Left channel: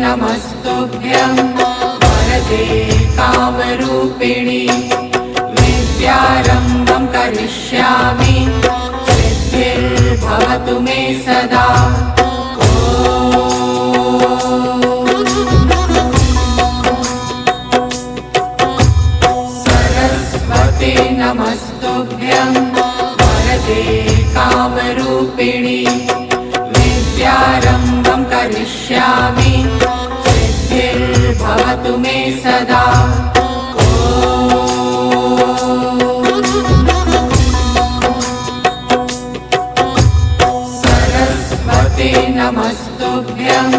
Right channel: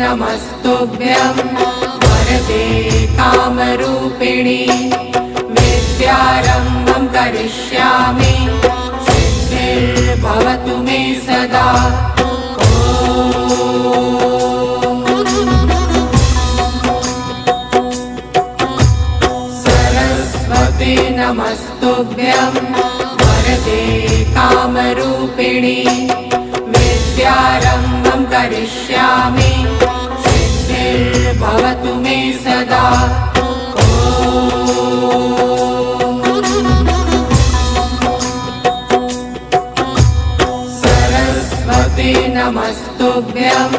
नमस्तुभ्यं वरदे कामरूपिणि विद्यारम्भं करिष्यामि सिद्धिर्भवतु मे सदा। सरस्वते नमस्तुभ्यं वरदे कामरूपिणि विद्यारम्भं करिष्यामि सिद्धिर्भवतु मे सदा। सरस्वते नमस्तुभ्यं